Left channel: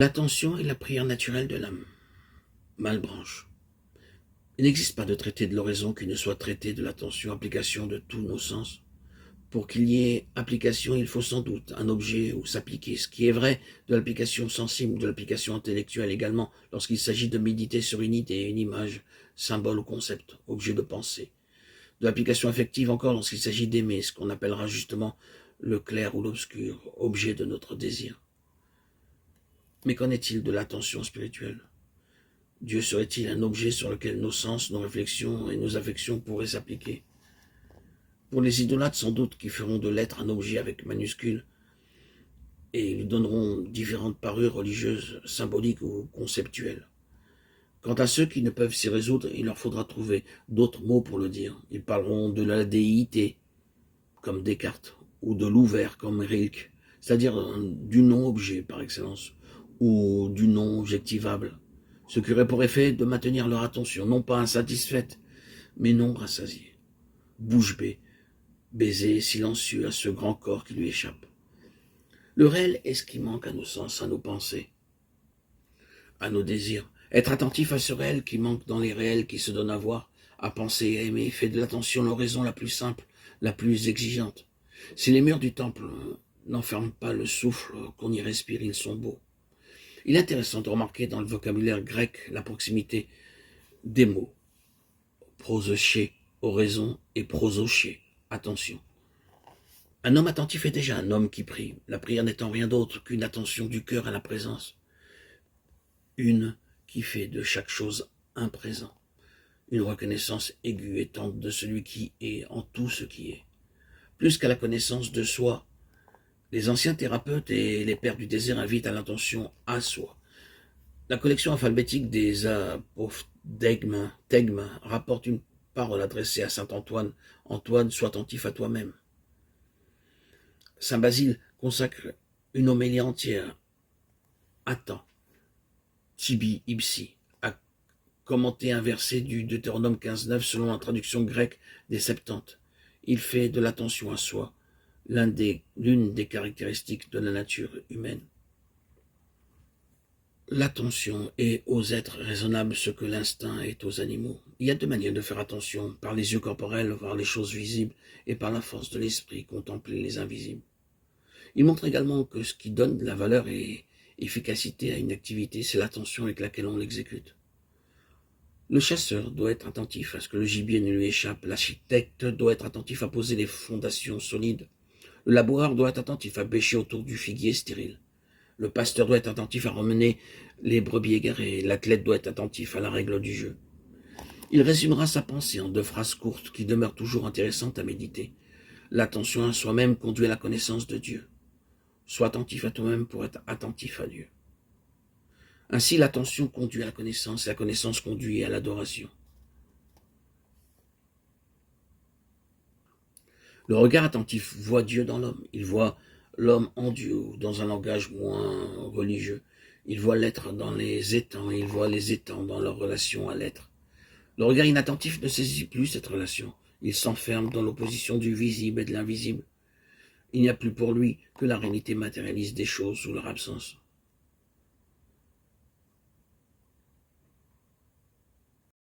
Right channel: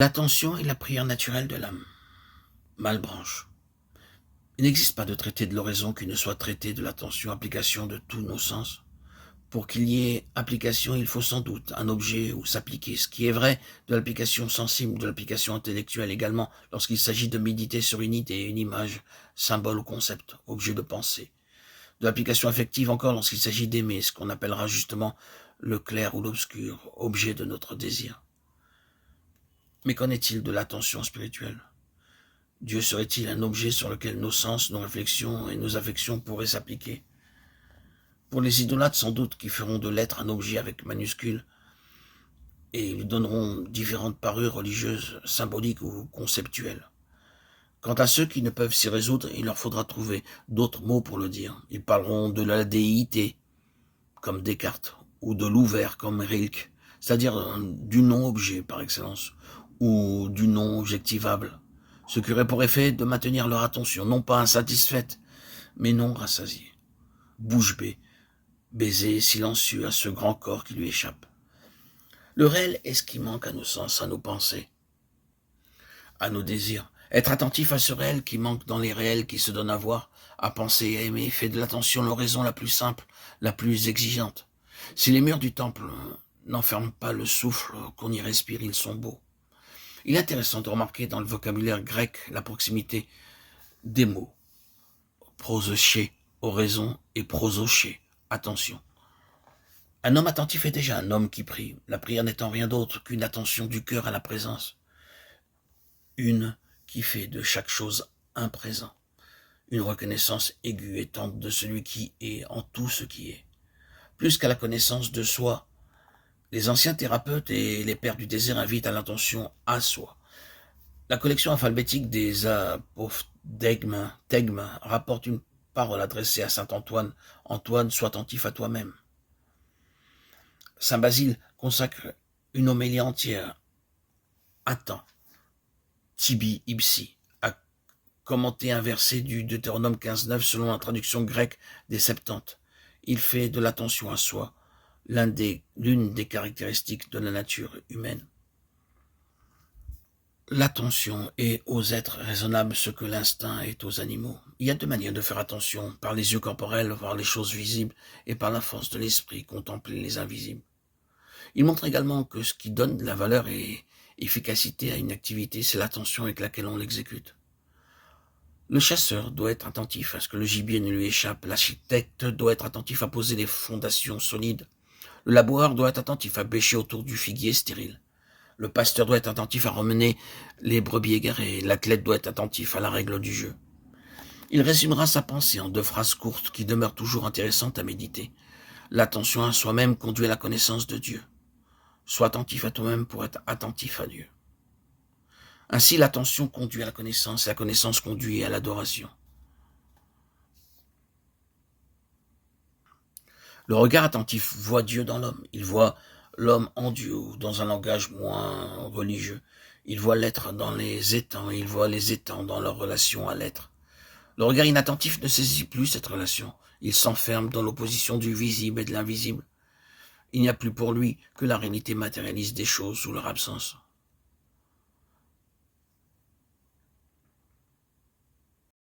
L'attention est la prière naturelle de l'âme. Malebranche. Il n'existe pas de traité de l'oraison qui ne soit traité de l'attention, application de tous nos sens. Pour qu'il y ait application, il faut sans doute un objet où s'appliquer, ce qui est vrai de l'application sensible, de l'application intellectuelle également, lorsqu'il s'agit de méditer sur une idée, une image, symbole ou concept, objet de pensée. De l'application affective encore lorsqu'il s'agit d'aimer, ce qu'on appellera justement le clair ou l'obscur, objet de notre désir. Mais qu'en est-il de l'attention spirituelle? Dieu serait-il un objet sur lequel nos sens, nos réflexions et nos affections pourraient s'appliquer? Pour les idolâtres, sans doute, qui feront de l'être un objet avec majuscule et lui donneront différentes parures religieuses, symboliques ou conceptuelles. Quant à ceux qui ne peuvent s'y résoudre, il leur faudra trouver d'autres mots pour le dire. Ils parleront de la déité, comme Descartes, ou de l'ouvert, comme Rilke, c'est-à-dire du non-objet par excellence, ou du non-objectivable, ce qui aurait pour effet de maintenir leur attention, non pas insatisfaite, mais non rassasiée. Bouche bée, baiser silencieux à ce grand corps qui lui échappe. Le réel est ce qui manque à nos sens, à nos pensées, à nos désirs. Être attentif à ce réel qui manque dans les réels qui se donnent à voir, à penser et à aimer, fait de l'attention l'oraison la plus simple, la plus exigeante. Si les murs du temple n'enferment pas le souffle qu'on y respire, ils sont beaux. Il est intéressant de remarquer dans le vocabulaire grec la proximité des mots. Prosoché, oraison, et prosoché, attention. Un homme attentif est déjà un homme qui prie, la prière n'étant rien d'autre qu'une attention du cœur à la présence. Une qui fait de chaque chose un présent. Une reconnaissance aiguë et tendre de celui qui est en tout ce qui est. Plus qu'à la connaissance de soi, les anciens thérapeutes et les pères du désert invitent à l'attention à soi. La collection alphabétique des apophthegmes rapporte une parole adressée à saint Antoine. Antoine, sois attentif à toi-même. Saint Basile consacre une homélie entière. Attends, tibi ipsi, à commenter un verset du Deutéronome 15.9 selon la traduction grecque des Septante. Il fait de l'attention à soi l'une des caractéristiques de la nature humaine. L'attention est aux êtres raisonnables ce que l'instinct est aux animaux. Il y a deux manières de faire attention, par les yeux corporels, voir les choses visibles, et par la force de l'esprit, contempler les invisibles. Il montre également que ce qui donne de la valeur et efficacité à une activité, c'est l'attention avec laquelle on l'exécute. Le chasseur doit être attentif à ce que le gibier ne lui échappe, l'architecte doit être attentif à poser des fondations solides, le laboureur doit être attentif à bêcher autour du figuier stérile. Le pasteur doit être attentif à ramener les brebis égarées. L'athlète doit être attentif à la règle du jeu. Il résumera sa pensée en deux phrases courtes qui demeurent toujours intéressantes à méditer. L'attention à soi-même conduit à la connaissance de Dieu. Sois attentif à toi-même pour être attentif à Dieu. Ainsi, l'attention conduit à la connaissance et la connaissance conduit à l'adoration. Le regard attentif voit Dieu dans l'homme. Il voit l'homme en Dieu, dans un langage moins religieux. Il voit l'être dans les étangs, et il voit les étangs dans leur relation à l'être. Le regard inattentif ne saisit plus cette relation. Il s'enferme dans l'opposition du visible et de l'invisible. Il n'y a plus pour lui que la réalité matérialiste des choses ou leur absence.